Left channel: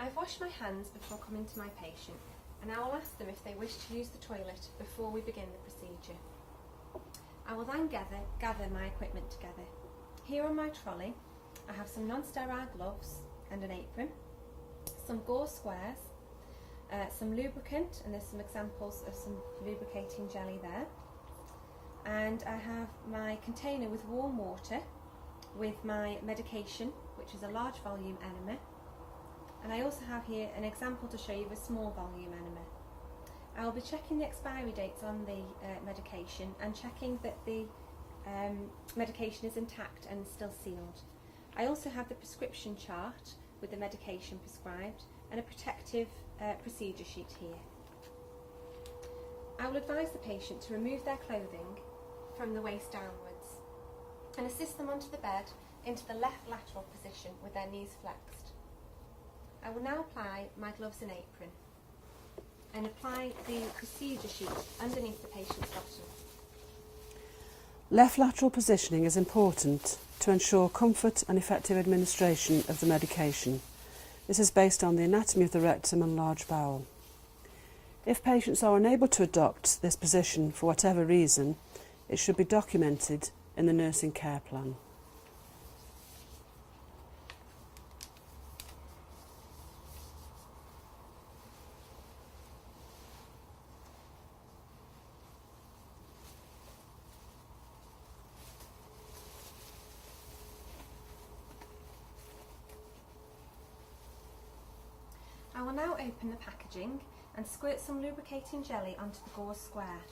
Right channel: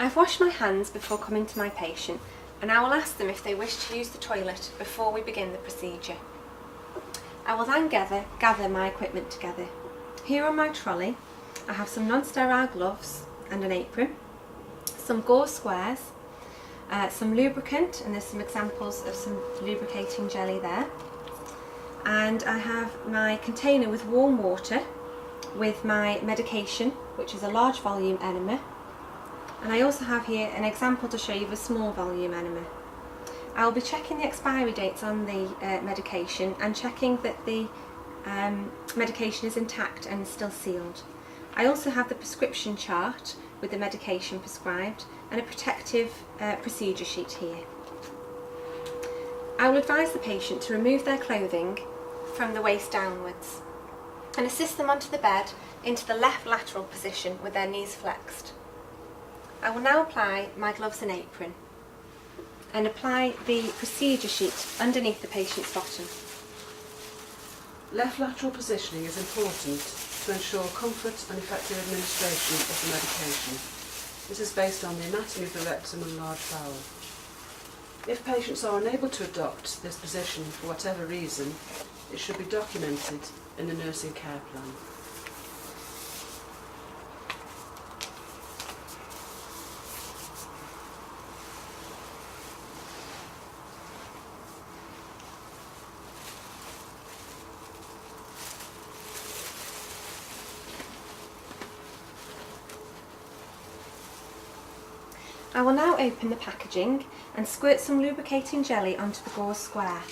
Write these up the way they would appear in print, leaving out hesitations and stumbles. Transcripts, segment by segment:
I've washed my hands before coming to my patient, and I will ask them if they wish to use the toilet before we begin the procedure. I will then gather my equipment together. Here on my trolley I have some non-sterile gloves and an apron, some gauze squares, some lubricant, and there's some examples of some lubricating jelly there, and I have my container with warm water with my medication, which is a large volume enema, and I also have here an example to show you the small volume enema. I will be checking the expiry dates on the medication and checking that the medication is intact and is still sealed. I also have the prescription chart with the medication prescribed and a protective procedure sheet here. I will advise the patient to remove their clothing from the waist downwards and assist them onto the bed into the left lateral position with their knees flexed. I will now apply my gloves and apron and apply the procedure sheet underneath the patient's bottom. Left lateral positioning is important to ensure comfort and effective administration of the medication. This is based on the anatomy of the rectum and large bowel. If patients are unable to adopt this position for whatever reason, it should be documented in the nursing care plan. I will now open the packaging and squirt some lubricating jelly onto the gauze square.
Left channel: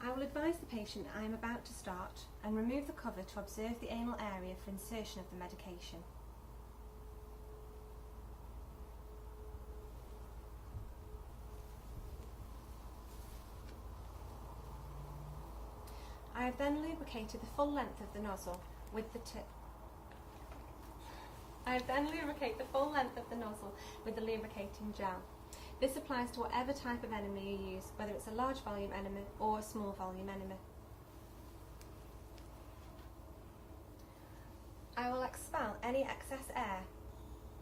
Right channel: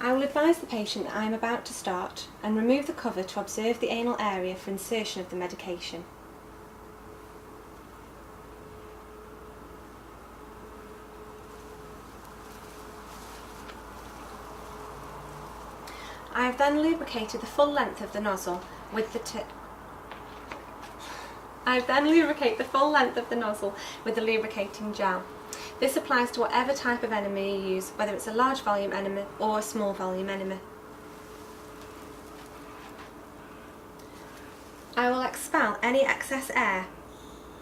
I will advise the patient that I am about to start and remove the cover to observe the anal area for insertion of the medication. I have then lubricated the full length of the nozzle with the lubricating gel. This applies to whatever type of enema you use, whether it's a large volume enema or a small volume enema. I will expel any excess air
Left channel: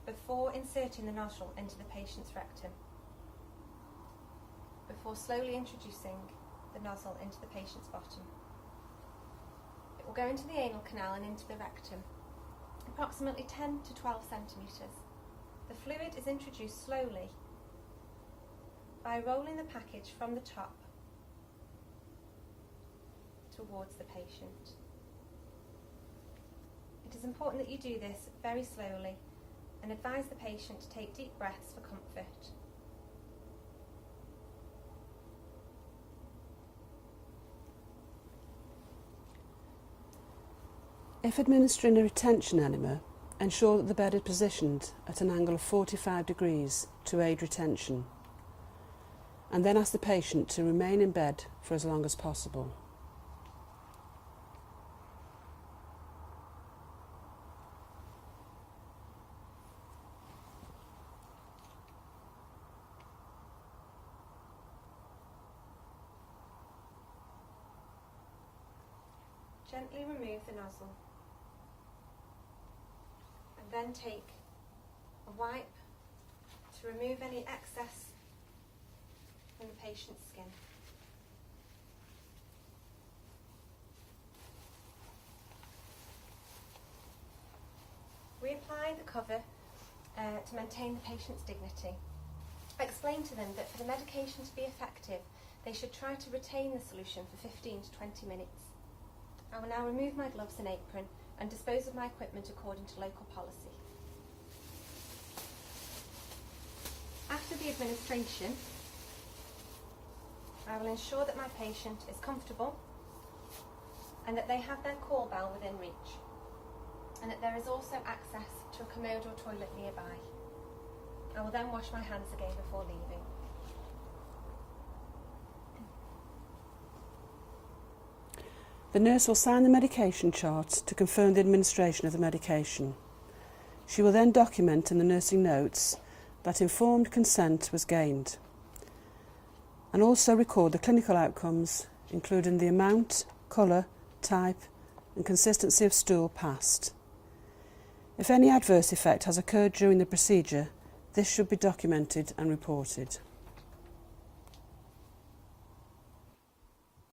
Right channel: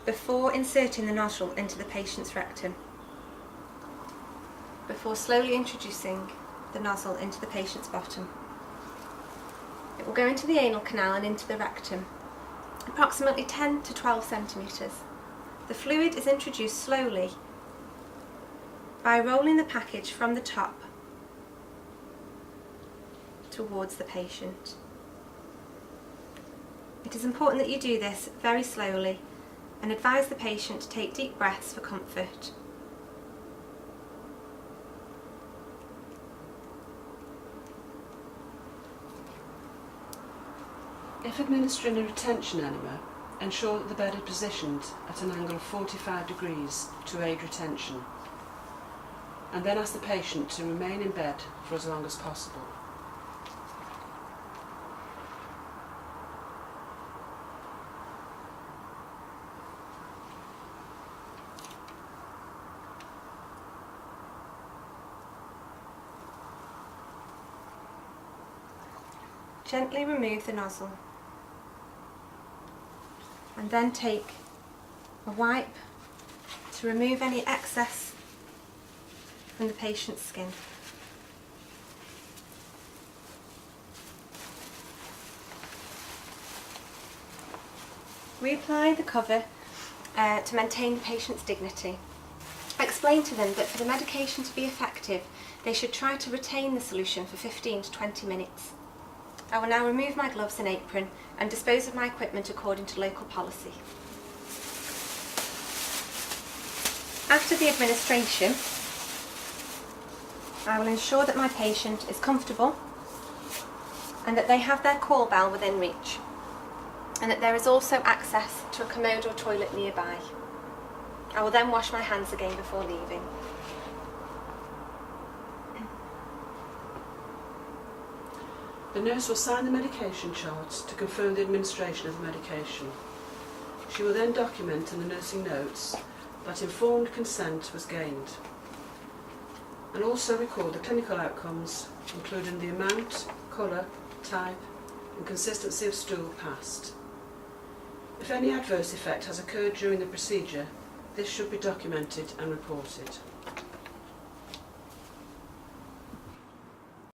before inserting the nozzle into the patient's rectum, before slowly introducing the nozzle into the patient's bottom. It will go into the anal canal and into the rectum, approximately 10 to 12 centimetres. The fluid is introduced slowly by rolling the package from the top towards the patient. It is important that you do this very slowly and advise the patient to take deep breaths for comfort. If administering a retention enema, ensure that the bed is positioned at an angle of 45 degrees to aid retention, and then ask the patient to remain in bed for as long as possible. Gently remove the nozzle and then take a wipe to remove any excess from the patient's skin. Reapply the cover to maintain the patient's dignity. Explain to them that for the medication to be effective, they should try to retain the solution for 15 to 20 minutes. I will now remove my gloves and apron and dispose of my equipment according to local policy. After the administration, I will ensure that my patient is comfortable and that they have their call bell within reach, and that there is also access to a commode or toilet nearby. I will then wash my hands again before leaving. The nurse will sign the medication chart to confirm the administration of the medication. She will then document in the nursing notes that informed consent was gained, and also record the clinical outcomes, including the amount, colour, type and consistency of stool passed. If any adverse effect has occurred during the procedure, this should be documented and reported.